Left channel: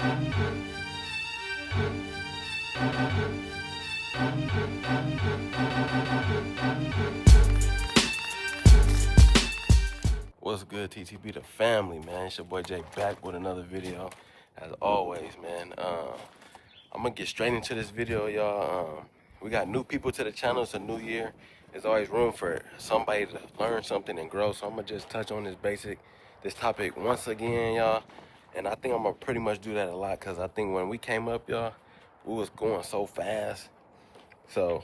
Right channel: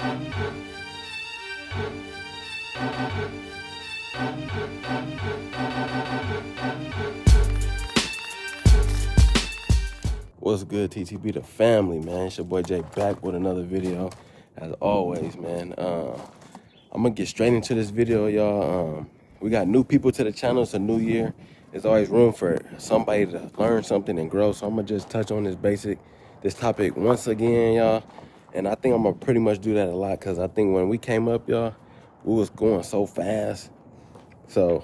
What's good, TTB the family, man? It's your boy Jay back with another video, as always, man. I'm gonna get straight into this video, y'all. We got new people to the channel. It's a new year. There's always room for somebody to learn something and grow. So I'm gonna just touch on this topic once again, y'all. And I think I'm gonna pretty much do that a lot, because I think when we came up, y'all, we was going so fast. So,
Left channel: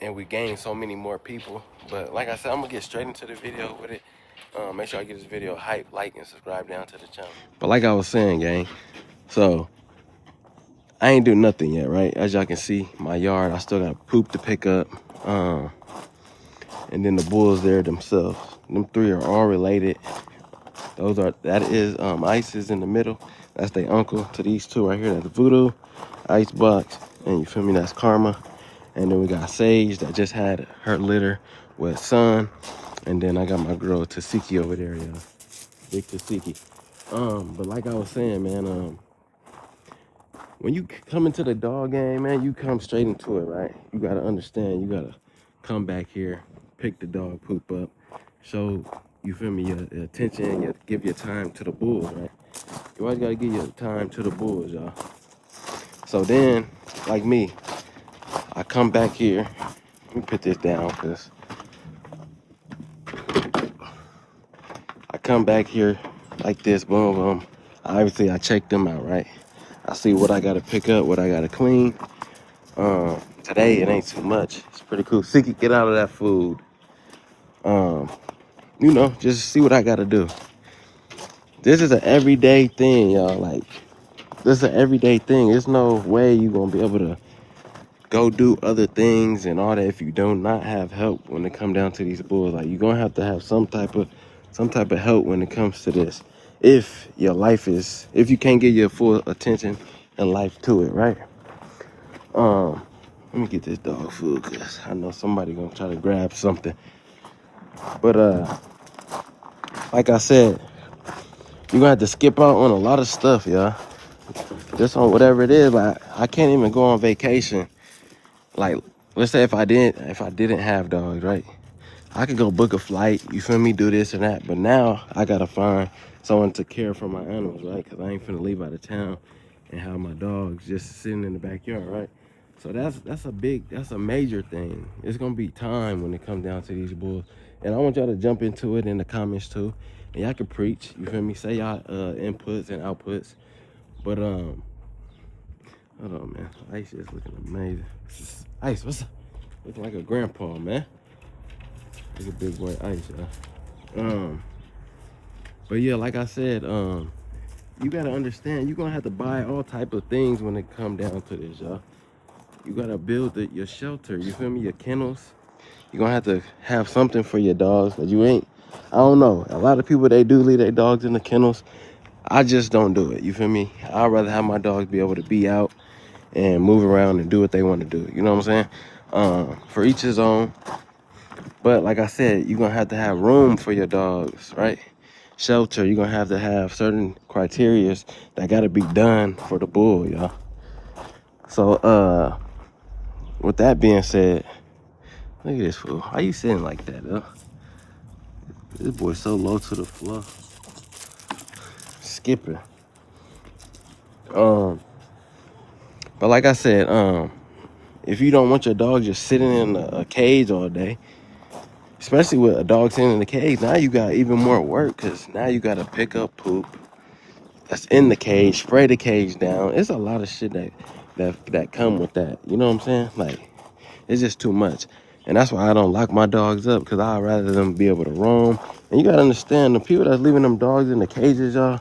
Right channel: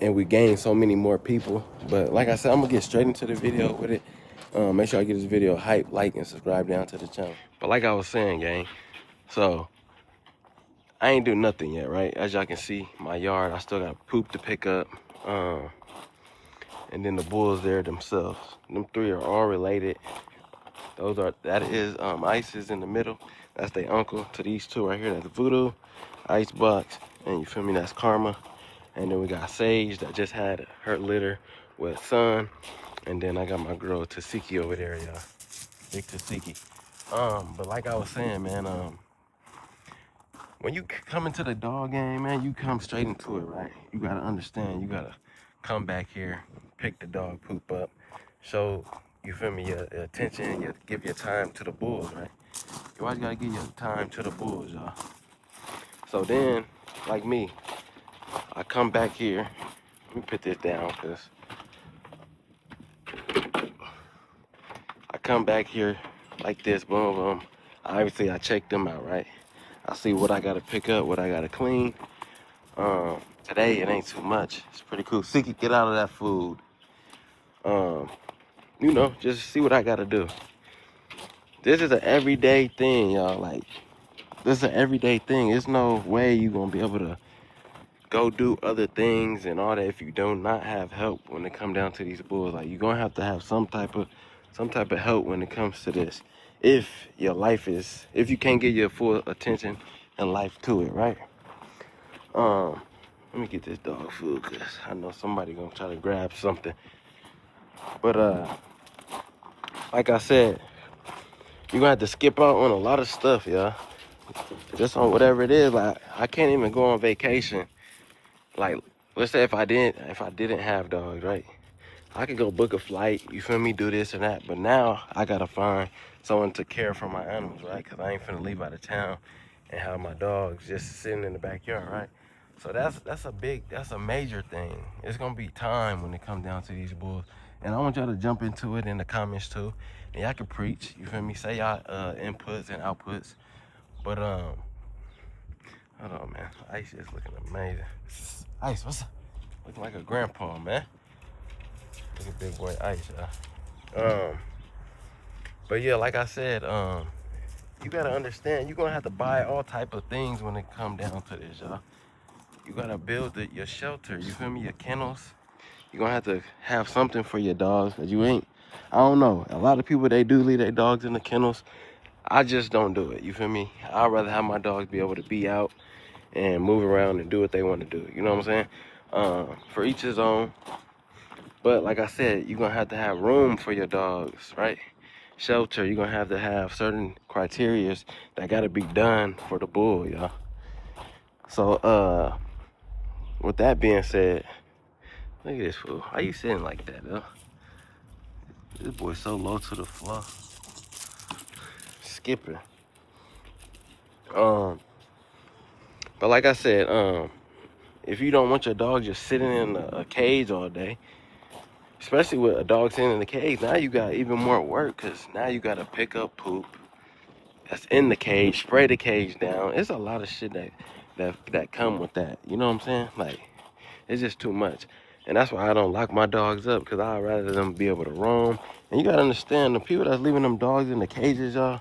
and we gained so many more people. But like I said, I'm gonna get straight into the video with it. Make sure I get this video hype, like, and subscribe down to the channel. But like I was saying, gang, so I ain't do nothing yet, right? As y'all can see, my yard, I still got poop to pick up. And then the bulls there themselves. Them three are all related. That is Ice is in the middle. That's their uncle to these two right here. That's Voodoo, Icebox, and you feel me, that's Karma. And then we got Sage that just had her litter with Sun. And then I got my girl Tasiki over there, y'all. Big Tasiki. But like I was saying, man, when you come into the dog game, man, you come straight into it, right? You gotta understand, you gotta come back here, pick the dog poop up, show, you feel me, your attention, you have to give your time to the bulls, right? You always gotta give your time to the bulls, y'all. So then, like me, I come back here. Let me put this down, because I come back here like this, boom, boom. Obviously, I check them out, right? I see what I gotta pick up, what I gotta clean. Today, it ain't too much. It's pretty cool. Siki, get out of that food. You know, just see what I gotta do. This is an everyday thing, y'all. Like, this is an everyday thing. There's no way you gonna be able to go do other things and all that if you do not have help when it come down to these bulls. Like, you're gonna have to have some type of help when it comes to this. If you can't get your full attention and life to it, right? Let me get this dog food, because I know somebody gonna try to grab something. But like I said, you're gonna have to skip out on a lot of stuff, y'all. Just on whatever it is. Like, I can't even go on vacation. Like, let's say if I didn't have dogs, right? I could go book a flight, you feel me, do this and that. But now I gotta find someone to care for my animals, right? Because I ain't finna leave out of town and have my dogs just sitting in the backyard, right? So that's a major thing. It's gonna be time when it comes down to these bulls. And I want y'all to jump into it in the comments too. And y'all can preach, you feel me? Say y'all inputs and outputs. But hold on, man. Ice is looking amazing. Ice, what's up? Looking like a grandpa, man. Look at big boy Ice, y'all. But yeah, like I said, you gotta understand, you're gonna have to buy all type of things when it come down to this, y'all. You gotta build your shelter, you feel me, your kennels. You're gonna have to have something for your dogs, but I don't know. A lot of people, they do leave their dogs in the kennels. I just don't do it, you feel me? I'd rather have my dogs be able to be out and move around and do what they want to do, you know what I'm saying? For each his own. But like I said, you're gonna have to have room for your dogs, right? Shelter, you're gonna have to have certain criterias that gotta be done for the bull, y'all. So with that being said, look at this fool. How you sitting like that, though? This boy's so low to the floor. Skipping. But like I said, if you don't want your dog just sitting in a cage all day, especially with a dog sitting in the cage, now you got even more work, because now you got to pick up poop that's in the cage, spray the cage down. It's a lot of shit that come with that. You know what I'm saying? Like, it's just too much. And that's why I don't lock my dogs up, because I'd rather them be able to roam. And you got to understand, the people that's leaving them dogs in the cages, y'all,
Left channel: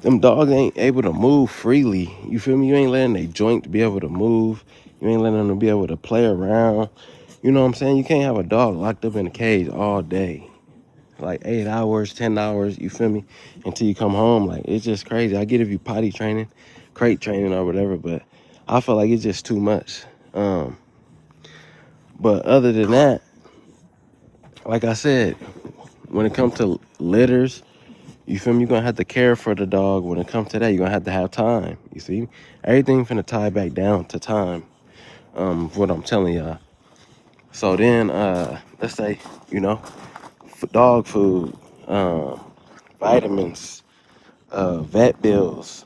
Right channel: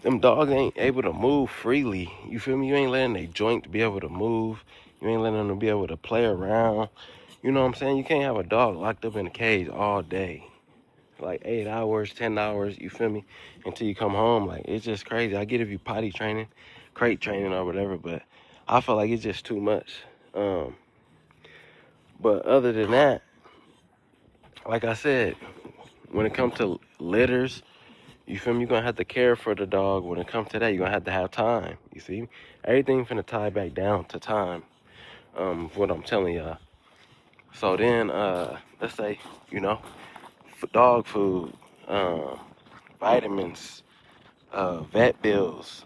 them dogs ain't able to move freely. You feel me? You ain't letting their joint be able to move. You ain't letting them be able to play around. You know what I'm saying? You can't have a dog locked up in a cage all day. Like 8 hours, 10 hours, you feel me? Until you come home. Like, it's just crazy. I get if you potty training, crate training or whatever, but I feel like it's just too much. But other than that, like I said, when it comes to litters, You feel me? You're gonna have to care for the dog. When it comes to that, you're gonna have time. You see? Everything finna tie back down to time. What I'm telling y'all. So then, let's say, you know, for dog food, vitamins, vet bills.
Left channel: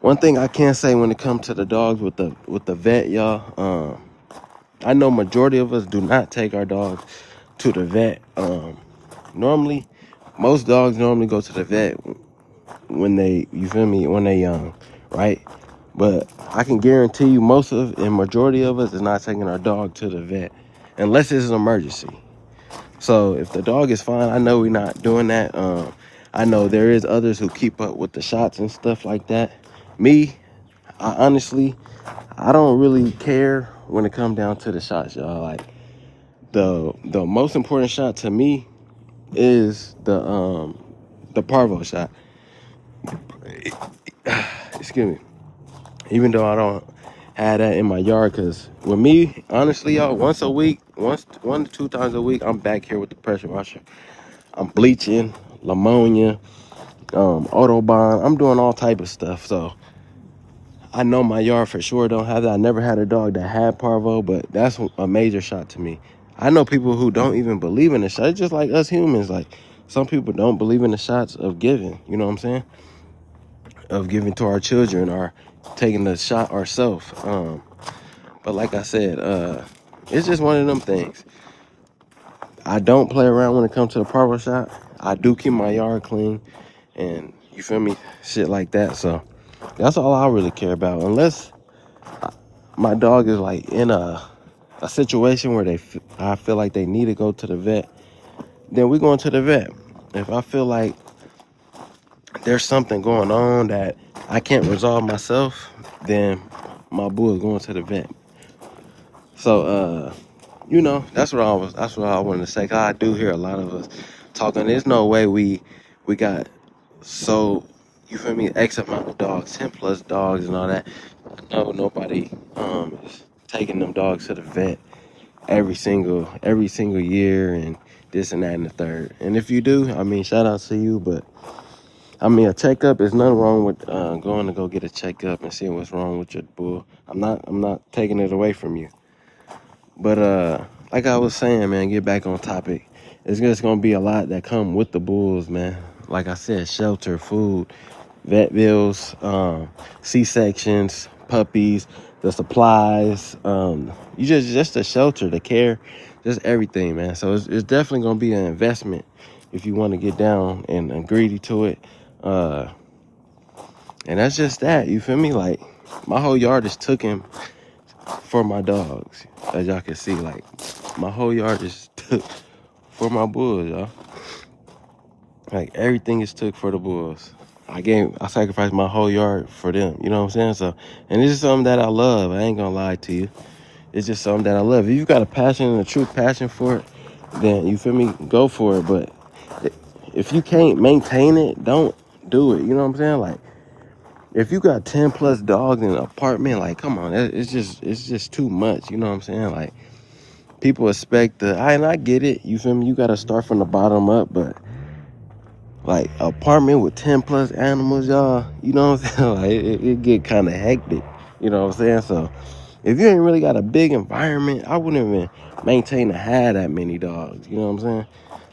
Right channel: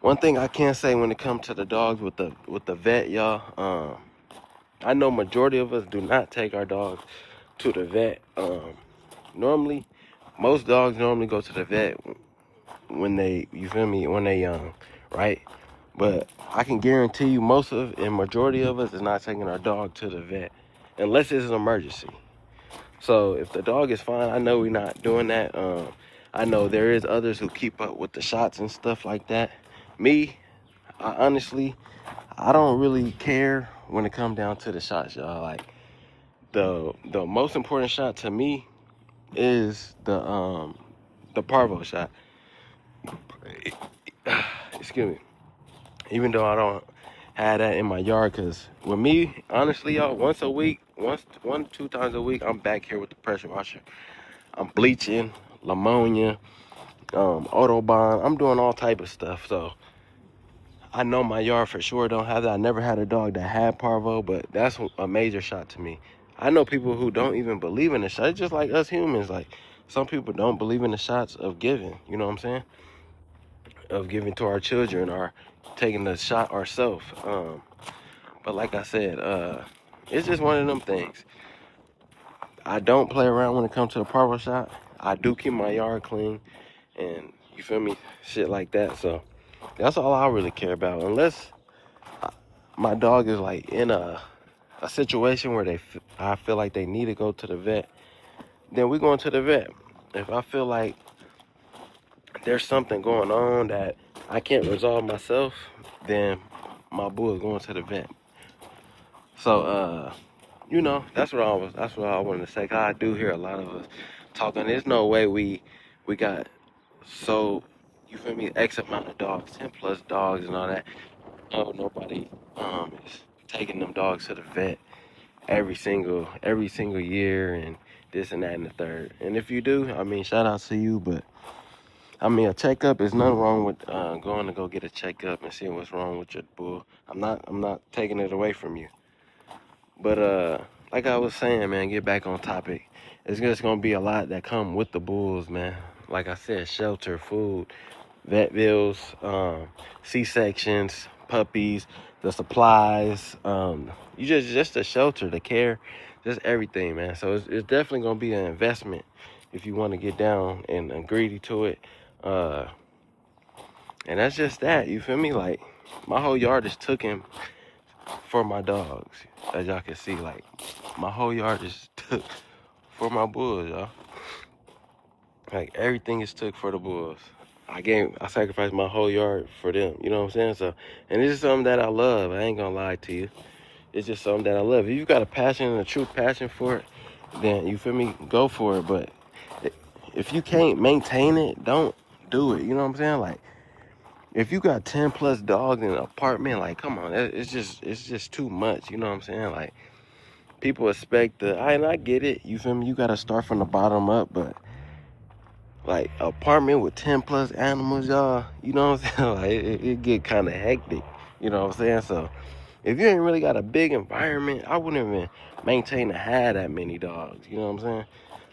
One thing I can say when it comes to the dogs with the vet, y'all. I know majority of us do not take our dogs to the vet. Normally, most dogs normally go to the vet when they, you feel me, when they young, right? But I can guarantee you most of and majority of us is not taking our dog to the vet unless it's an emergency. So if the dog is fine, I know we're not doing that. I know there is others who keep up with the shots and stuff like that. Me, I honestly, I don't really care when it comes down to the shots, y'all. Like the most important shot to me is the parvo shot. Excuse me. Even though I don't have that in my yard, because with me, honestly, y'all, once a week, one to two times a week, I'm back here with the pressure washer. I'm bleaching, ammonia, Autobahn. I'm doing all type of stuff. So I know my yard for sure don't have that. I never had a dog that had parvo, but that's a major shot to me. I know people who don't even believe in the shot. It's just like us humans. Like some people don't believe in the shots of giving. You know what I'm saying? Of giving to our children or taking the shot ourselves. But like I said, it's just one of them things. I don't play around when it comes to the parvo shot. I do keep my yard clean, and you feel me, shit like that. So that's all I really care about. Unless my dog is like in a situation where I feel like they need to go to the vet, then we're going to the vet. If I feel like there's something going on that I can't resolve myself, then my bull is going to the vet. So you know, that's what I wanted to say. 'Cause I do hear a lot of us talking. There's no way we got so, you feel me, X amount of dogs, 10 plus dogs and all that. No, nobody is taking them dogs to the vet every single year and this and that and the third. And if you do, I mean, shout out to you, but I mean, a checkup is nothing wrong with going to go get a checkup and seeing what's wrong with your bull. I'm not taking it away from you. But like I was saying, man, get back on topic. It's just gonna be a lot that come with the bulls, man. Like I said, shelter, food, vet bills, C-sections, puppies, the supplies, you just the shelter, the care, just everything, man. So it's definitely gonna be an investment if you want to get down and greedy to it. And that's just that, you feel me? Like my whole yard is taken for my dogs, as y'all can see. Like my whole yard is took for my bulls, y'all. Like everything is took for the bulls. I sacrificed my whole yard for them. You know what I'm saying? So, and this is something that I love. I ain't gonna lie to you. It's just something that I love. If you've got a passion and a true passion for it, then you feel me, go for it. But if you can't maintain it, don't do it. You know what I'm saying? Like if you got 10 plus dogs in an apartment, like come on, it's just too much. You know what I'm saying? Like people expect and I get it. You feel me? You gotta start from the bottom up, but like apartment with 10 plus animals, y'all, you know what I'm saying? Like it get kind of hectic, you know what I'm saying? So if you ain't really got a big environment, I wouldn't even maintain to have that many dogs, you know what I'm saying?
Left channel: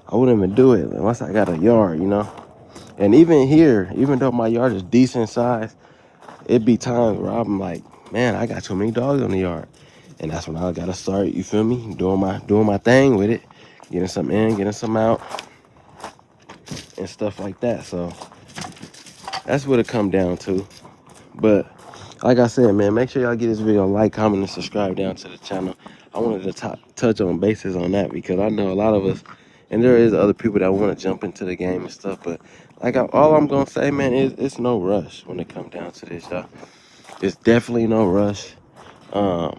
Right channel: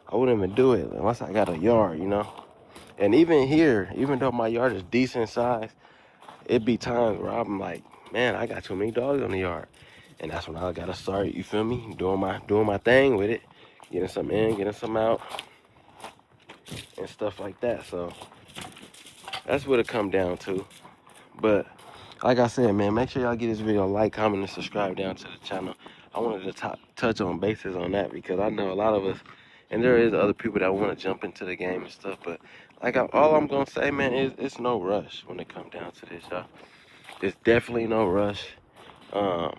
I wouldn't even do it unless I got a yard, you know? And even here, even though my yard is decent size, it be times where I'm like, man, I got too many dogs on the yard. And that's when I gotta start, you feel me, doing my thing with it, getting some in, getting some out, and stuff like that. So that's what it come down to. But like I said, man, make sure y'all get this video a like, comment, and subscribe down to the channel. I wanted to touch on bases on that because I know a lot of us, and there is other people that want to jump into the game and stuff. But like all I'm gonna say, man, is it's no rush when it comes down to this, y'all. It's definitely no rush. Hold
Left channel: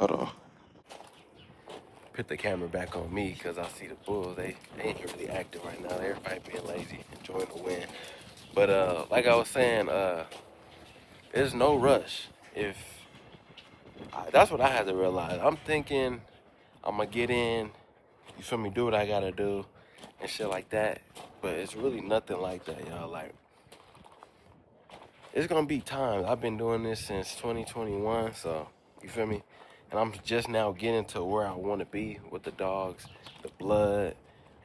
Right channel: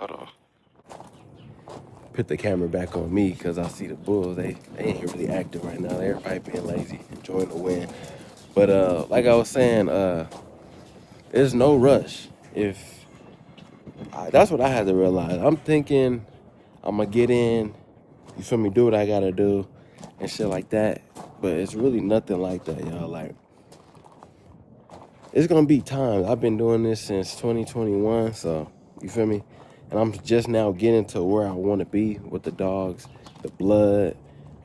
on. Put the camera back on me because I see the bulls. They ain't really active right now. Everybody being lazy, enjoying the win. But like I was saying, there's no rush. If that's what I had to realize. I'm thinking I'm gonna get in you feel me, do what I gotta do and shit like that. But it's really nothing like that, y'all. Like, it's gonna be times. I've been doing this since 2021, so you feel me? And I'm just now getting to where I want to be with the dogs, the blood,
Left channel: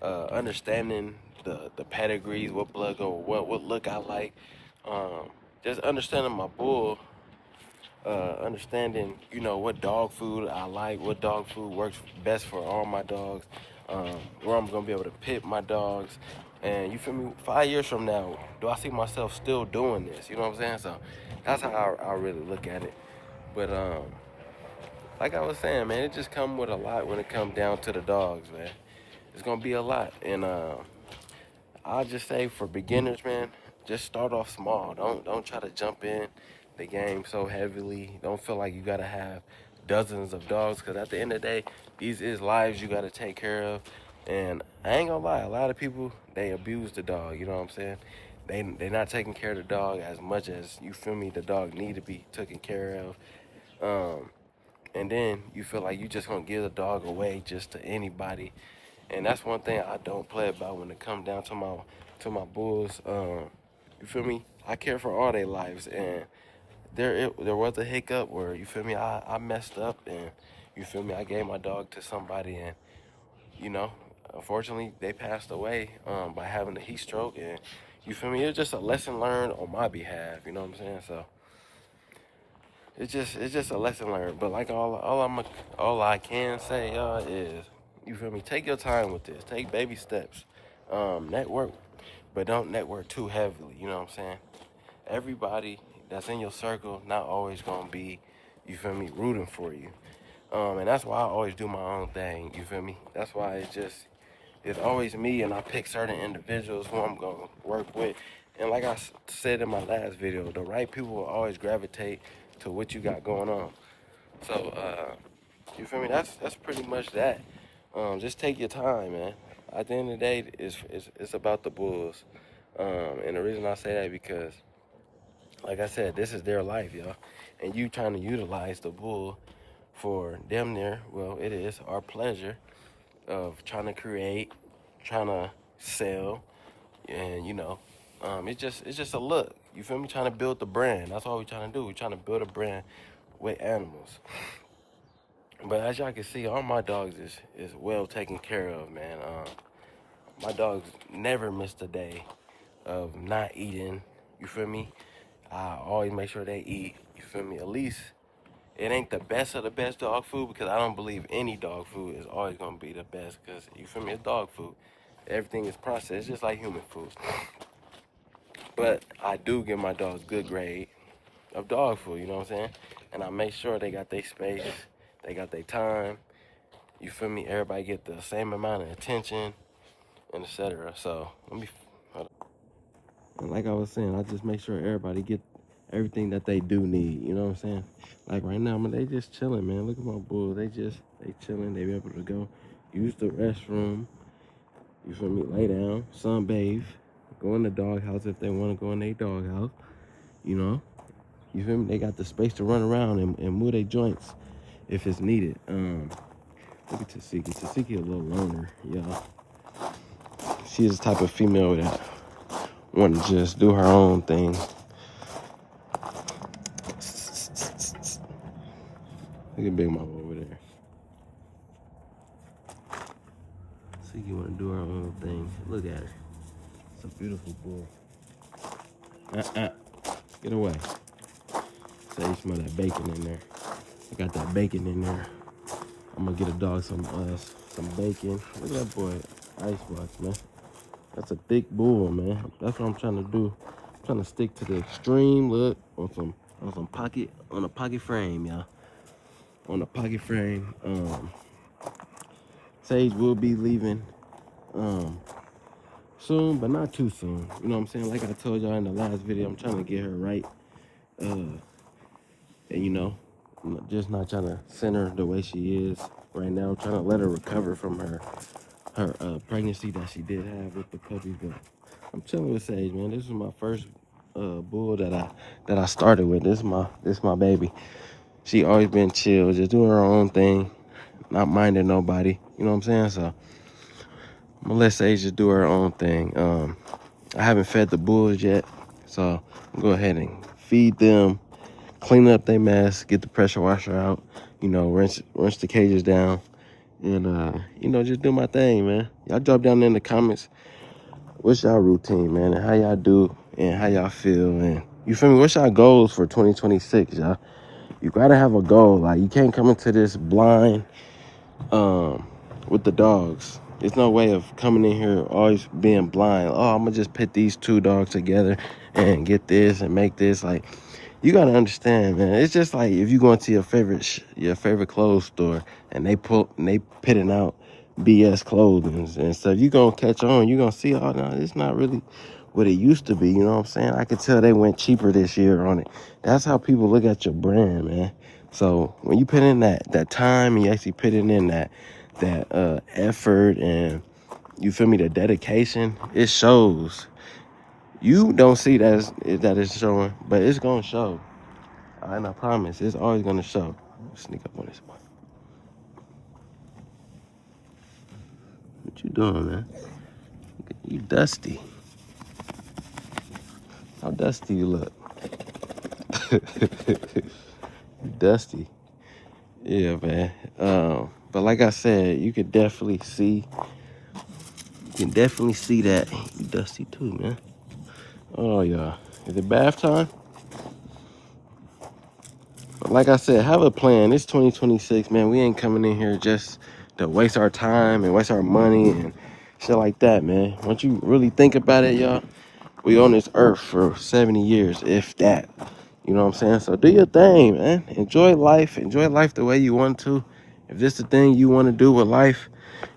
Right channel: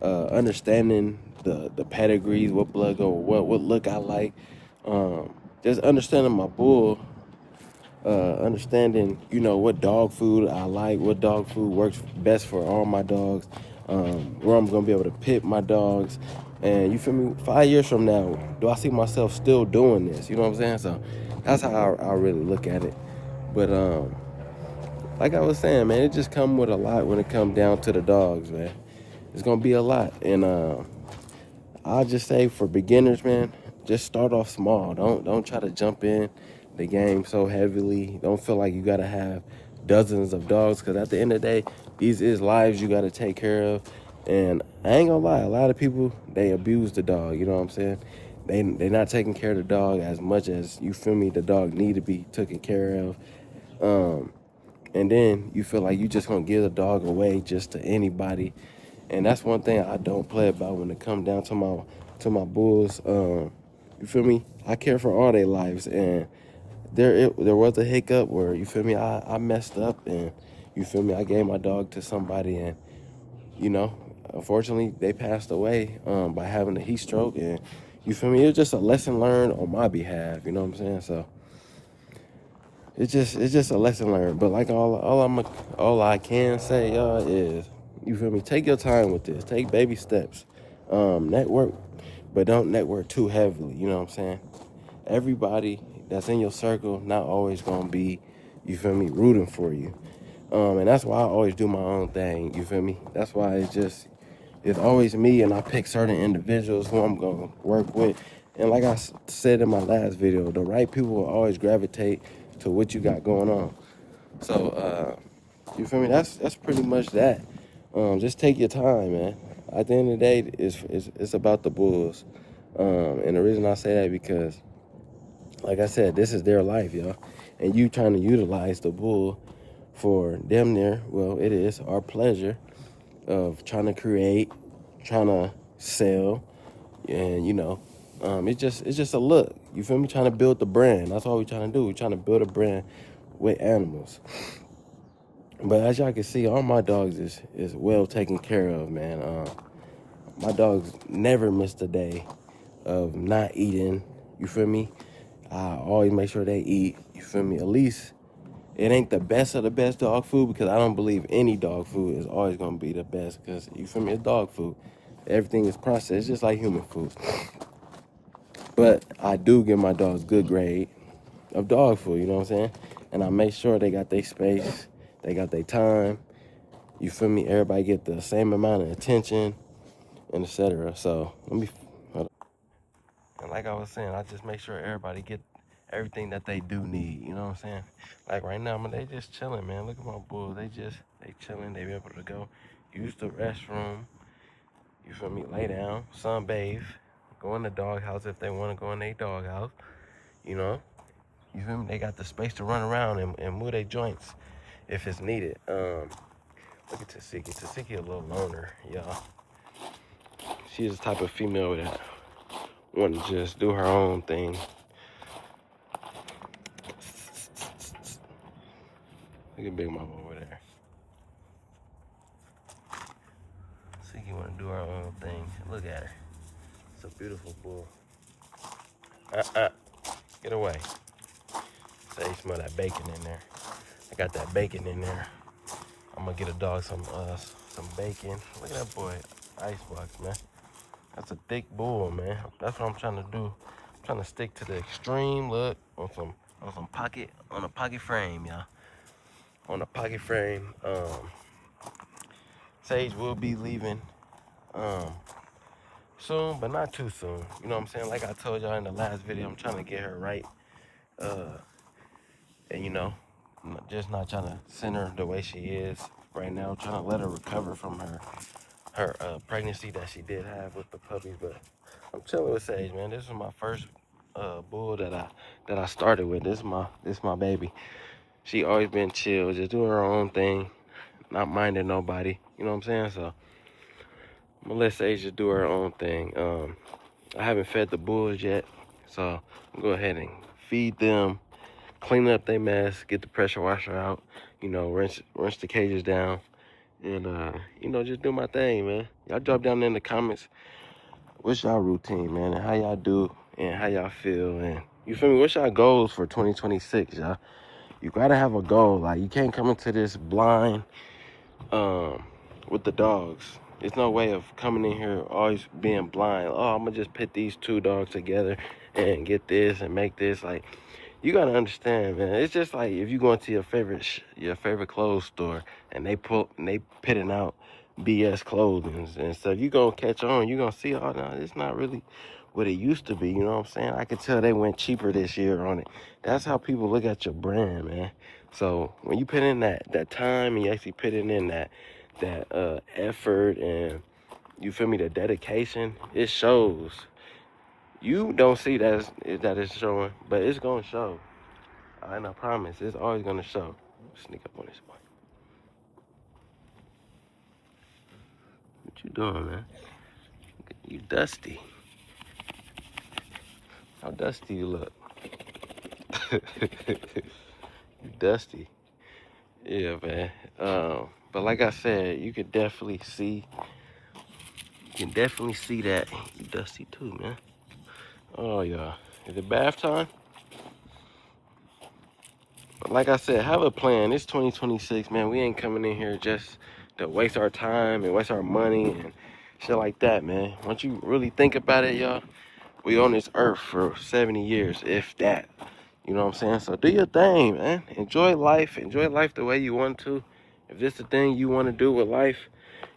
understanding the pedigrees, what blood go, what look I like, just understanding my bull, understanding, you know, what dog food I like, what dog food works best for all my dogs, where I'm gonna be able to pit my dogs. And you feel me, 5 years from now, do I see myself still doing this? You know what I'm saying? So that's how I really look at it. But like I was saying, man, it just come with a lot when it comes down to the dogs, man. It's gonna be a lot. And I'll just say for beginners, man, just start off small. Don't try to jump in the game so heavily. Don't feel like you gotta have dozens of dogs, because at the end of the day, these is lives you gotta take care of. And I ain't gonna lie, a lot of people, they abuse the dog. You know what I'm saying? They not taking care of the dog as much as, you feel me, the dog need to be taken care of. And then you feel like you just gonna give the dog away just to anybody. And that's one thing I don't play about when it comes down to my bulls. You feel me? I care for all their lives, and there was a hiccup where, you feel me, I messed up, and you feel me, I gave my dog to somebody, and you know, unfortunately they passed away by having a heat stroke, and you feel me, it's just a lesson learned on my behalf. You know what I'm saying? So it's just a lesson learned. But like all I can say, y'all, is, you feel me, take your time with this. Take baby steps. Network, but don't network too heavily. You know what I'm saying? Everybody that's in your circle not always gonna be, you feel me, rooting for you. And that's why I always do my own thing. You feel me? That's why it's always me, and I pick certain individuals who I'm gonna work with. And like I said in my last video, the right people will always gravitate to what you got going on. So you feel me? That's pretty much that. Just take your time, man. At the end of the day, it's about the bulls. And the reason I say that, because, like I said, this is their life, y'all. And you trying to utilize the bull for damn near, well, it is our pleasure of trying to create, trying to sell, and you know, it's just a look. You feel me? Trying to build the brand. That's all we're trying to do. We're trying to build a brand with animals. But as y'all can see, all my dogs is well taken care of, man. My dogs never missed a day of not eating. You feel me? I always make sure they eat. You feel me? At least it ain't the best of the best dog food, because I don't believe any dog food is always gonna be the best. Because, you feel me, it's dog food. Everything is processed, just like human food. But I do give my dogs good grade of dog food. You know what I'm saying? And I make sure they got their space, they got their time. You feel me? Everybody get the same amount of attention, and etc. So let me. And like I was saying, I just make sure everybody get everything that they do need. You know what I'm saying? Like right now, man, they just chilling, man. Look at my bulls. They chilling. They be able to go use the restroom. You feel me? Lay down, sunbathe, go in the doghouse if they want to go in their doghouse. You know? You feel me? They got the space to run around and move their joints if it's needed. Look at Tasiki. Tasiki a little loner, y'all. She's the type of female that want to just do her own thing. Look at Big Mama over there. Tasiki want to do her own thing. Look at her. It's a beautiful bull. Get away. So they smell that bacon in there. I got that bacon in there. I'm gonna get a dog some bacon. Look at that boy, icebox, man. That's a thick bull, man. That's what I'm trying to do. I'm trying to stick to the extreme look on some pocket, on a pocket frame, y'all. On a pocket frame. Sage will be leaving soon, but not too soon. You know what I'm saying? Like I told y'all in the last video, I'm trying to get her right. And you know, just not trying to send her the way she is right now. I'm trying to let her recover from her pregnancy that she did have with the puppy. But I'm chilling with Sage, man. This is my first bull that I started with. This is my baby. She always been chill, just doing her own thing, not minding nobody. You know what I'm saying? So I'm gonna let Sage just do her own thing. I haven't fed the bulls yet, so I'm gonna go ahead and feed them, clean up their mess, get the pressure washer out, you know, rinse the cages down, and you know, just do my thing, man. Y'all drop down in the comments what's y'all routine, man, and how y'all do and how y'all feel, and you feel me? What's y'all goals for 2026, y'all? You gotta have a goal. Like, you can't come into this blind with the dogs. There's no way of coming in here always being blind. Oh, I'm gonna just put these 2 dogs together and get this and make this. Like, you gotta understand, man. It's just like if you go into your favorite clothes store and they pitting out BS clothing and stuff. You gonna catch on. You gonna see, oh no, it's not really what it used to be. You know what I'm saying? I could tell they went cheaper this year on it. That's how people look at your brand, man. So when you put in that time and you actually put in that effort and, you feel me, the dedication, it shows. You don't see that it's showing, but it's gonna show. And I promise, it's always gonna show. Sneak up on this one. What you doing, man? You dusty. How dusty you look. You dusty. Yeah, man. But like I said, you can definitely see. You can definitely see that. You dusty too, man. Oh yeah. Is it bath time? But like I said, have a plan. It's 2026, man. We ain't coming in here just to waste our time and waste our money and shit like that, man. Once you really think about it, y'all, we on this earth for 70 years, if that. You know what I'm saying? So do your thing, man. Enjoy life. Enjoy life the way you want to. If this the thing you want to do with life,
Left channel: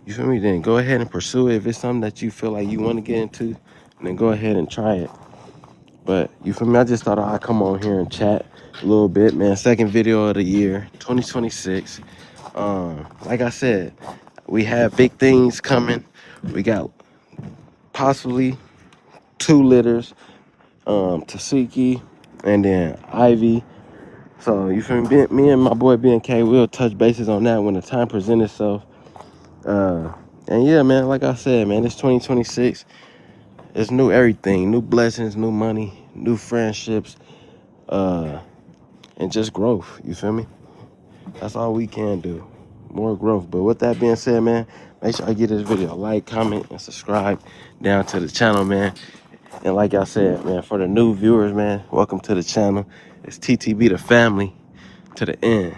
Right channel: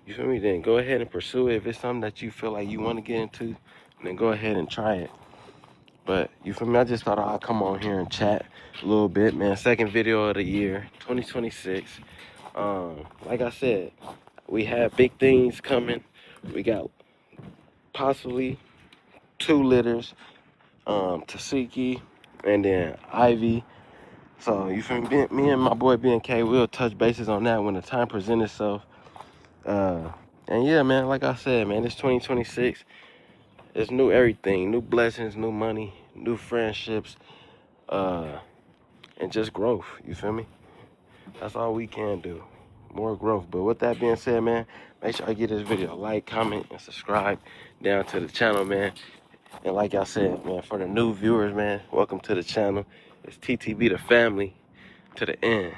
you feel me, then go ahead and pursue it. If it's something that you feel like you want to get into, then go ahead and try it. But you feel me, I just thought I'd come on here and chat a little bit, man. Second video of the year, 2026. Like I said, we have big things coming. We got possibly 2 litters, Tasiki and then Ivy. So you feel me and my boy BNK, we'll touch bases on that when the time presents itself. And yeah, man, like I said, man, it's 2026. It's new everything, new blessings, new money, new friendships, and just growth. You feel me? That's all we can do. More growth. But with that being said, man, make sure I give this video a like, comment, and subscribe down to the channel, man. And like I said, man, for the new viewers, man, welcome to the channel. It's TTB the family to the end.